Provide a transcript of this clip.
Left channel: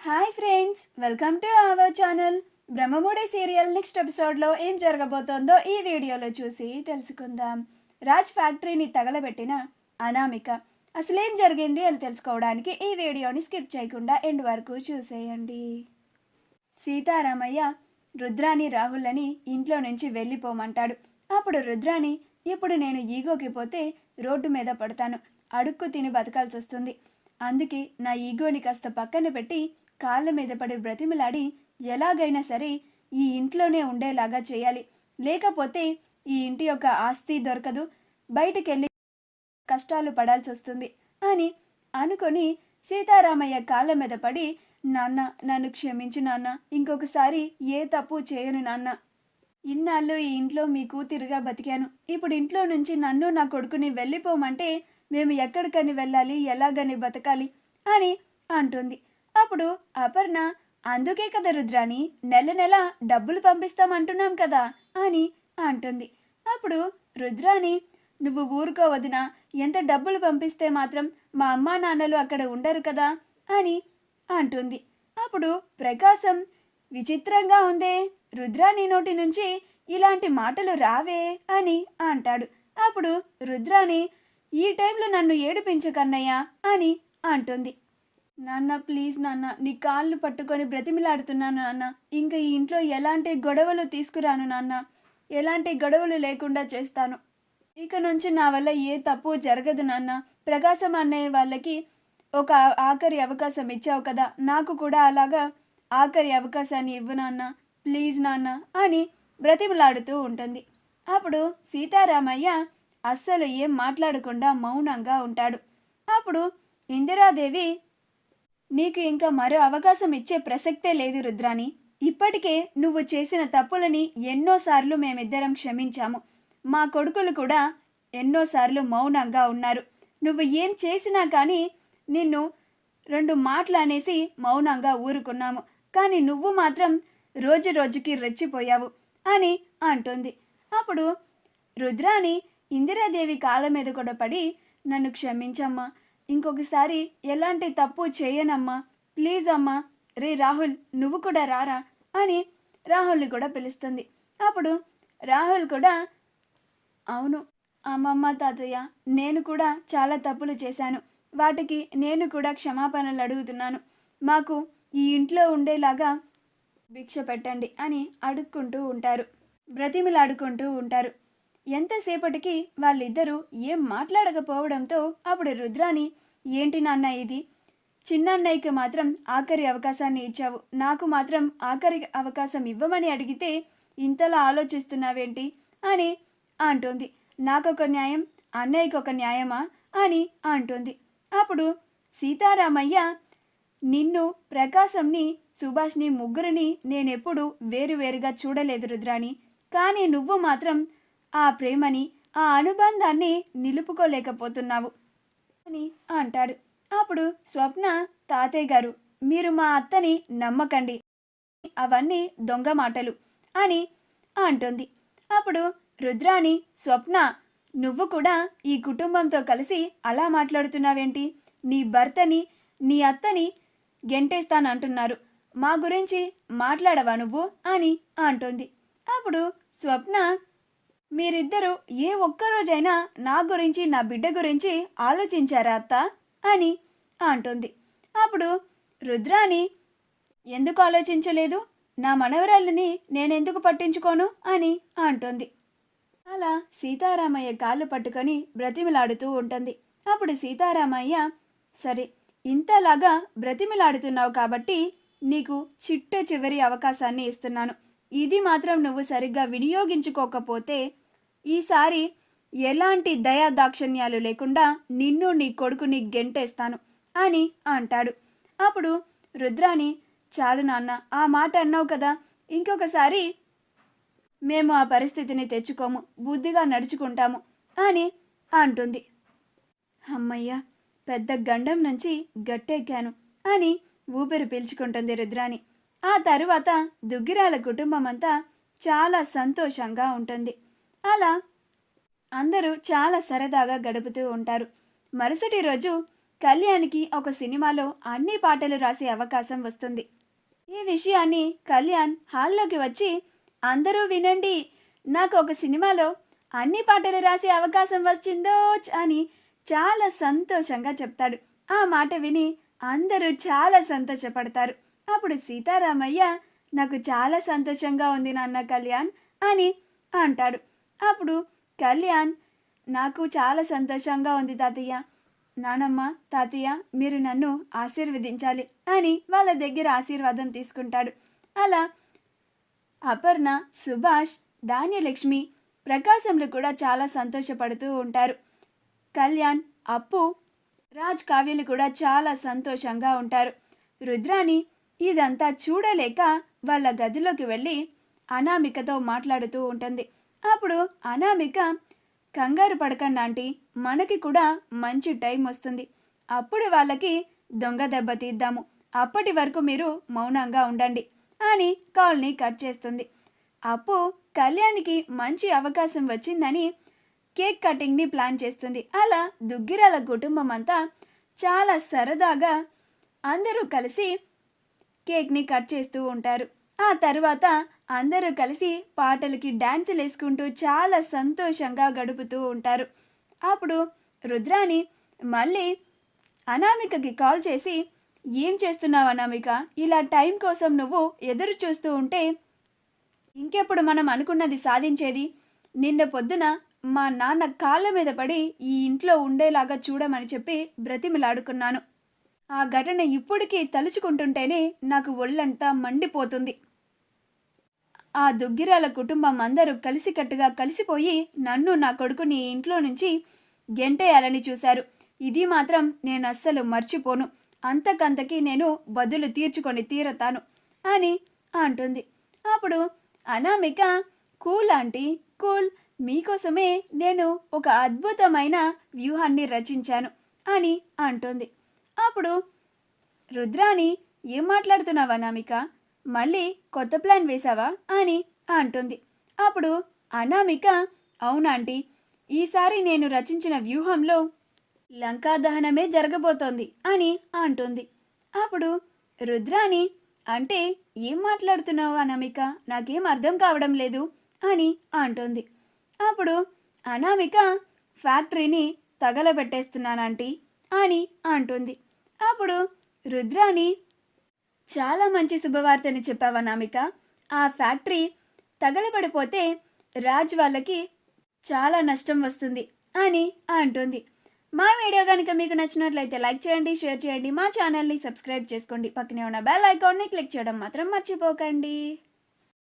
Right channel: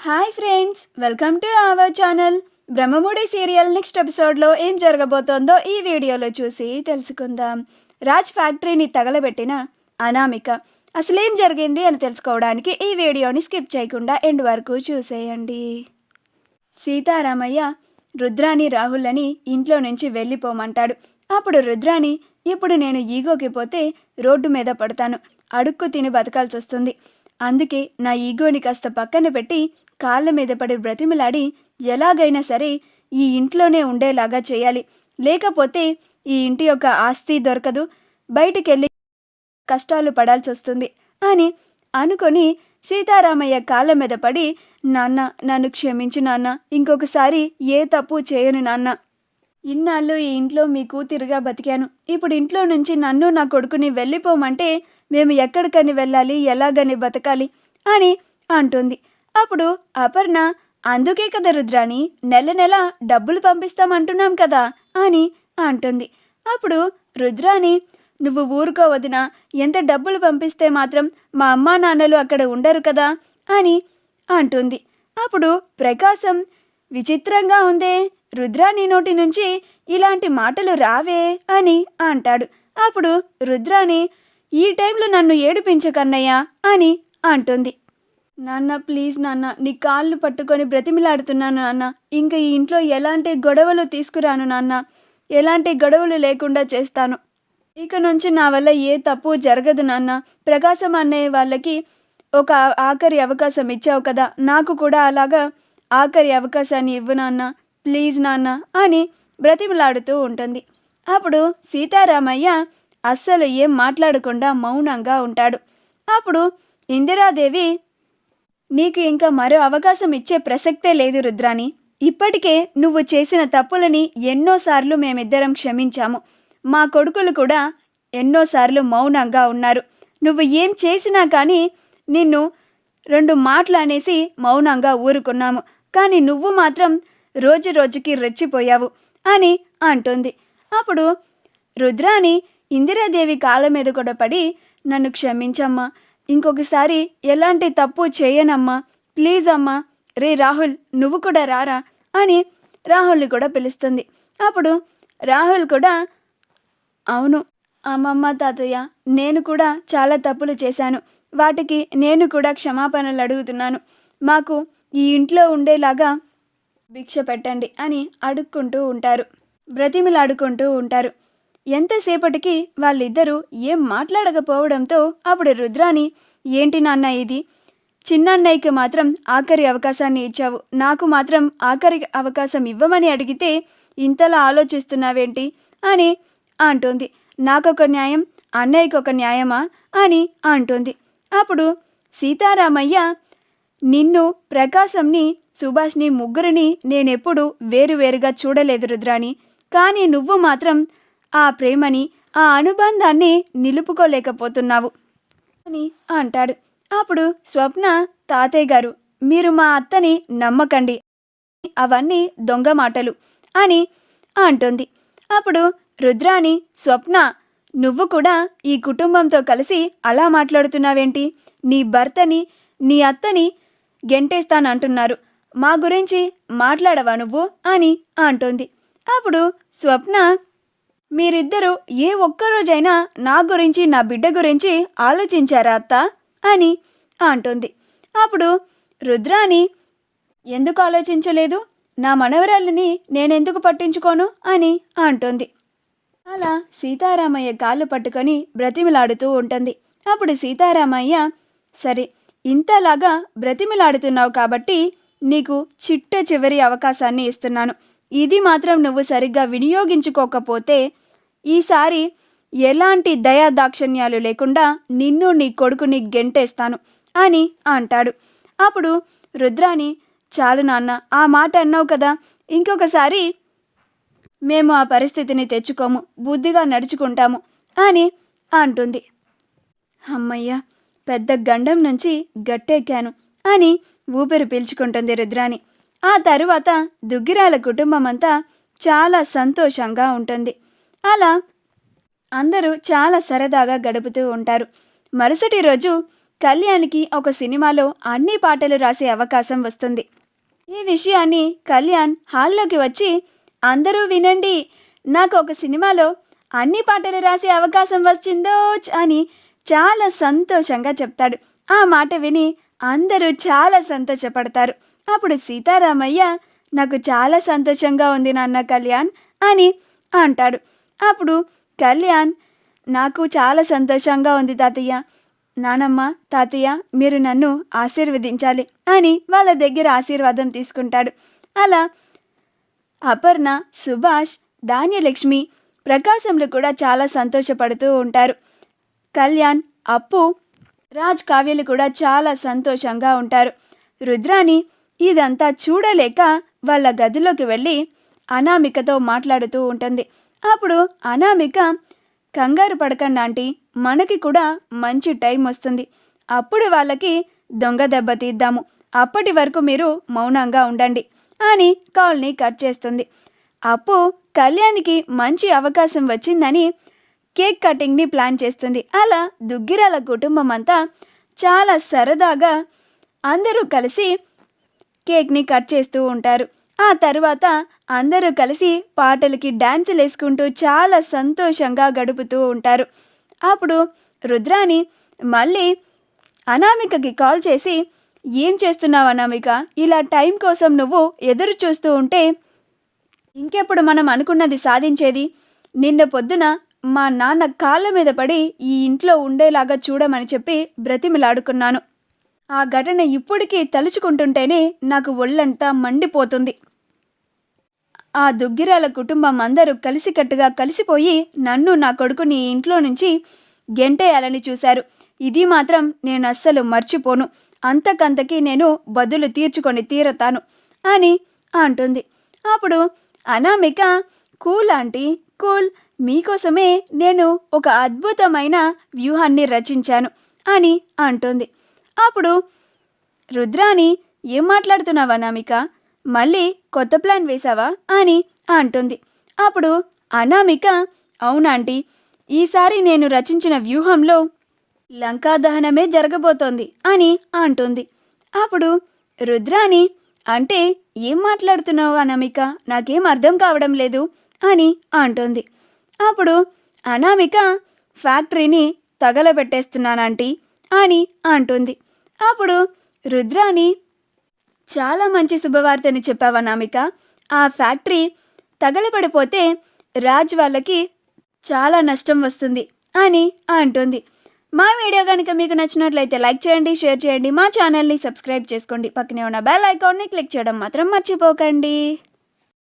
Hi friends, welcome to our channel. Brahmamudi serial next ఎపిసోడ్లో ఏం జరగబోతోందో ఈ వీడియోలో చూసి తెలుసుకుందాం. రాజ్ ఫ్యాక్టరీని తగలబెట్టిన అనామిక అసలేం జరిగింది అని తెలుసుకోవడానికి ఈ వీడియోని స్కిప్ చేయకుండా ఎండ్ వరకు చూసేయండి. సీతారామయ్య రుద్రాని రాహుల్ని ఇంట్లో నుంచి వెళ్ళిపోమంటాడు. అప్పుడు రుద్రాని, ఇప్పుడు నేను ఈగోకి పోతే రోడ్డు మీద పడతాను, అడుక్కు తిని బతకాల్సి వస్తుంది. అందుకే నా ఈగోని కాస్త పక్కన పెట్టి కాళ్ళ మీద పడి బ్రతిమిలాడి ఎలాగైనా సరే ఈ ఇంట్లోనే ఉండేలాగా చేయాలి. లేకపోతే ఈ ఇంటి యొక్క ఆస్తి దొరకదు, బయటికెళ్ళి కష్టాలు పడాల్సి వస్తుంది అని అనుకొని సీతారామయ్య కాళ్ళ మీద పడి, నాన్న నన్ను క్షమించు నాన్న, ఇంకొకసారి ఏ తప్పు చేయను నాన్న. ఇన్నాళ్ళు ఈ ఇంట్లో మీ కూతురుగా బతికాను, ఇప్పుడు ఇంట్లో నుంచి నన్ను నా కొడుకుని వెళ్ళిపోమంటే మేము ఎక్కడికని వెళ్ళాలి, ఎలాగని బతకాలి అని అంటుంది. అప్పుడు అపర్ణ, అందుకే కదా రుద్రాని నెల నెల డబ్బులు పంపిస్తామంటున్నాం కదా అని అంటుంది. అప్పుడు రుద్రాని, నువ్వు ఊరుకోవదినా, ఎంత డబ్బులు పంపిస్తే మాత్రం మా అమ్మా నాన్నలు అక్కడ ఉండరు కదా అని అంటుంది. అప్పుడు ప్రకాశం, విచిత్రంగా ఉందే, రుద్రాని నోటి నుంచి ఇలాంటి మాటలు రావే అని అంటాడు. అప్పుడు రుద్రాని, ఈ టైంలో నన్ను ఏడిపించకన్నయ్యా అని అంటుంది. నాన్న ప్లీజ్ నాన్న, నీ కాళ్ళు పట్టుకొని బ్రతిమిలాడుతున్నాను నాన్న, ఇంకా ఈ ఇంట్లో ఎలాంటి గొడవలు తీసుకురాను నాన్న, ఎలాంటి గొడవలు లేకుండా చేస్తాను. ఇక నుంచి నా వల్ల ఏ తప్పు జరగదు నాన్న. ప్రకాశం అన్నయ్య వాళ్ళకి ఒక ఆఖరి అవకాశం ఇచ్చావు కదా, నాకు కూడా అలాగా ఆఖరి అవకాశాన్ని ఇవ్వు నాన్న, ప్లీజ్ నాన్న అని బ్రతిమలాడుతూ ఉంటుంది. అప్పుడు సీతారామయ్య అస్సలు ఏం మాట్లాడకుండా మౌనంగా ఉంటాడు. అప్పుడు ఇందిరాదేవి, నీకు ఇంకా మరో అవకాశం ఇచ్చే ప్రసక్తే లేదు రుద్రాని, ఇప్పటికే నువ్వు చేసిన తప్పులని ఎన్నోసార్లు మేమిద్దరం క్షమించాము, మా కొడుకులు కూడా ఎన్నోసార్లు మౌనంగా ఉన్నారు. నువ్వు ఏం చేసినా కానీ నిన్ను రెండు మాటలు అనేసి మౌనంగా ఊరుకున్నాము, కానీ నువ్వు మాత్రం రోజు రోజుకి రెచ్చిపోయావు అని అంటుంది. అప్పుడు రుద్రాని ఇందిరాదేవి కాళ్ళ మీద కూడా పడి, నన్ను క్షమించమ్మా, ఇంకొకసారి ఎలాంటి తప్పు చేయనమ్మా, ప్లీజ్ అమ్మా, రే రాహుల్ నువ్వు కూడా రారా అని రాహుల్ని కూడా పిలుస్తుంది. అప్పుడు రాహుల్ కూడా, అవును అమ్మమ్మ తాతయ్య, నేను కూడా చాలా తప్పులు చేశాను, వాటికి నేను కూడా క్షమాపణలు అడుగుతున్నాను, మాకు ఈ ఇంట్లో ఉండేలాగా భిక్ష పెట్టండి అని అడుక్కుంటూ ఉంటారు, బ్రతిమిలాడుకుంటూ ఉంటారు. ఎంతసేపటికి వాళ్ళిద్దరూ ఏం మాట్లాడకపోవడంతో అప్పుడు రుద్రాని, ఏంటి నాన్న ఇది, చిన్నన్నయ్యకి మాత్రం ఆఖరి అవకాశాన్ని ఇచ్చావు, నాకు మాత్రం ఆఖరి అవకాశం ఇవ్వమని అడిగితే ఇంతలా ఆలోచిస్తున్నావేంటి అని అంటుంది. నాకొక న్యాయం, అన్నయ్యకి ఒక న్యాయమా అని అంటుంది. అప్పుడు సీతారామయ్య, నిన్ను, ప్రకాశంని, సుభాష్ని ముగ్గురిని నేనెప్పుడు వేరువేరుగా చూడలేదు రుద్రాని, కానీ నువ్వు మాత్రం ఆ ప్రేమని, ఆ అనుబంధాన్ని నిలుపుకోలేకపోతున్నావు అని అంటాడు. అప్పుడు స్వప్న, తాతయ్య గారు మీరు మా అత్తని నమ్మకండి, అవన్నీ దొంగ మాటలు అని అంటుంది. అప్పుడు రుద్రాని, స్వప్న నువ్వు కూడా ఈ కుటుంబంతో కలిసి అలా మాట్లాడుతున్నావేంటి, నీ భర్తని నీ అత్తని గెంటేస్తానంటున్నారు, మా గురించి మాట్లాడవా నువ్వు అని అంటుంది. అప్పుడు స్వప్న, మీరిద్దరూ ఏ ఒక్కరోజైనా నా గురించి నా బిడ్డ గురించి ఆలోచించారా అత్త అని అంటుంది. అప్పుడు రుద్రాని, ఎందుకు ఆలోచించలేదు, నా మనవరాళ్ళని నేనెందుకు పట్టించుకోను అని అంటుంది. అలా సీతారామయ్య కాళ్ళు పట్టుకొని బ్రతిమిలాడుతూ ఉంటుంది. అప్పుడు సీతారామయ్య, సరే ఇంతలాగా బ్రతిమిలాడుతున్నావు కాబట్టి నీకు చిట్ట చివరి అవకాశాన్ని ఇస్తున్నాను, ఇది మాత్రం నువ్వు సరిగ్గా వినియోగించుకోకపోతే ఈసారి ఎలాంటి దయాదాక్షిణ్యాలు లేకుండా నిన్ను నీ కొడుకుని గెంటేస్తాను అని అంటాడు. అప్పుడు రుద్రాని, చాలు నాన్న, ఆ మాట అన్నావు కదా, ఇంకొకసారి మేము ఆ పరిస్థితిని తెచ్చుకోము, బుద్ధిగా నడుచుకుంటాము అని అంటుంది. అమ్మయ్య, పెద్ద గండం నుంచి గట్టెక్కాను అని ఊపిరి పీల్చుకుంటుంది రుద్రాని. ఆ తరువాత దుగ్గిరాల కుటుంబం అంతా చాలా సంతోషంగా ఉంటుంది. అలా అందరూ చాలా సరదాగా గడుపుతూ ఉంటారు. మరుసటి రోజు కళ్యాణ్కి ఒక సినిమాలో అన్ని పాటలు రాసే అవకాశం వస్తుంది. ఈ విషయాన్ని కళ్యాణ్ హాల్లోకి వచ్చి, అందరూ వినండి, నాకు ఒక సినిమాలో అన్ని పాటలు రాసే అవకాశం వచ్చిందోచ్ అని చాలా సంతోషంగా చెప్తాడు. ఆ మాట విని అందరూ చాలా సంతోషపడతారు. అప్పుడు సీతారామయ్య, నాకు చాలా సంతోషంగా ఉంది నాన్న కళ్యాణ్ అని అంటాడు. అప్పుడు కళ్యాణ్, నాకు చాలా సంతోషంగా ఉంది తాతయ్య, నానమ్మ, తాతయ్య మీరు నన్ను ఆశీర్వదించాలి అని వాళ్ళ దగ్గర ఆశీర్వాదం తీసుకుంటాడు. అలా అపర్ణ, సుభాష్, ధాన్యలక్ష్మి, ప్రకాశంలు కూడా చాలా సంతోషపడుతూ ఉంటారు. కళ్యాణ్, అప్పు, రాజ్, కావ్యలు కూడా చాలా సంతోషంగా ఉంటారు. రుద్రాని ఇదంతా చూడలేక వాళ్ళ గదిలోకి వెళ్ళి అనామికతో మాట్లాడుతూ ఉంటుంది. అప్పుడు అనామిక, కంగారు పడకండి ఆంటీ, మనకి కూడా మంచి టైం వస్తుంది, అప్పుడు వాళ్ళకి దొంగ దెబ్బ తీద్దాము, అప్పటి వరకు మీరు మౌనంగా ఉండండి అని కాల్ని కట్ చేస్తుంది. అప్పు కళ్యాణ్కి మంచి అవకాశం వచ్చిందని కేక్ కటింగ్ని ప్లాన్ చేస్తుంది. అలా దుగ్గిరాల కుటుంబం అంతా చాలా సరదాగా అందరూ కలిసి కేక్ని కట్ చేస్తూ ఉంటారు. ఆ తర్వాత అందరూ కలిసి పాటలకి డ్యాన్సులు వేసుకుంటూ చాలా సంతోషంగా గడుపుతూ ఉంటారు. అప్పుడు రుద్రాని మళ్ళీ అనామికకి కాల్ చేసి, ఏం చేస్తున్నావు అనామిక, ఇలా టైం కోసం నువ్వు ఎదురు చూస్తూ ఉంటే ఇంకెప్పుడు మనం అనుకున్నది సాధించేది, నిన్న పొద్దున మా నాన్న కాళ్ళ మీద పడి ఈ ఇంట్లో ఉండేలాగా చూడమని చెప్పి బ్రతిమిలాడుకున్నాను. ఆ ఘటన ఇప్పటికీ తలుచుకుంటుంటేనే నాకు ఒళ్ళంతా మండిపోతుంది. ఆ దుగ్గిరాల కుటుంబం అందరూ కలిసికట్టుగా కలిసిపోయి నన్ను, నా కొడుకుని ఈ ఇంట్లో నుంచి గెంటేయాలని చూశారు. ఇది మాత్రం నేను అస్సలు మర్చిపోను, అంతకంతకీ నేను బదులు తీర్చుకొని తీరతాను అని అంటుంది. అప్పుడు అనామిక, కూల్ ఆంటీ, కూల్, మీకోసమే నేను ఒక అద్భుతమైన వ్యూహాన్ని రచించాను అని అంటుంది. అప్పుడు రుద్రాని, ఏం మాట్లాడుతున్నావా అనామిక, మళ్ళీ కొత్త ప్లాన్ వేశావా అని అంటుంది. అప్పుడు అనామిక, అవునాంటీ, ఈసారి నేను రచించిన వ్యూహంలో లంకా దహనమే జరగబోతోంది అని అంటుంది. అప్పుడు రుద్రాని, అంటే ఏం మాట్లాడుతున్నావు అనామిక, నాకేం అర్థం కావడం లేదు అని అంటుంది. అప్పుడు అనామిక, ఫ్యాక్టరీని తగలబెట్టేస్తున్నానంటీ అని అంటుంది. అప్పుడు రుద్రాని, చాలా మంచి శుభవార్తని చెప్పావు అనామిక, ఆ ఫ్యాక్టరీ తగలబడిపోతే రాజ్ వాళ్ళకి చాలా నష్టం వస్తుంది అని అంటుంది. మా వీడియో కనుక మీకు నచ్చినట్లయితే లైక్ చేయండి, షేర్ చేయండి, మా ఛానల్ని సబ్స్క్రైబ్ చేసుకోండి, పక్కనే ఉన్న బెల్ ఐకాన్ని క్లిక్ చేయడం మాత్రం మర్చిపోకండి.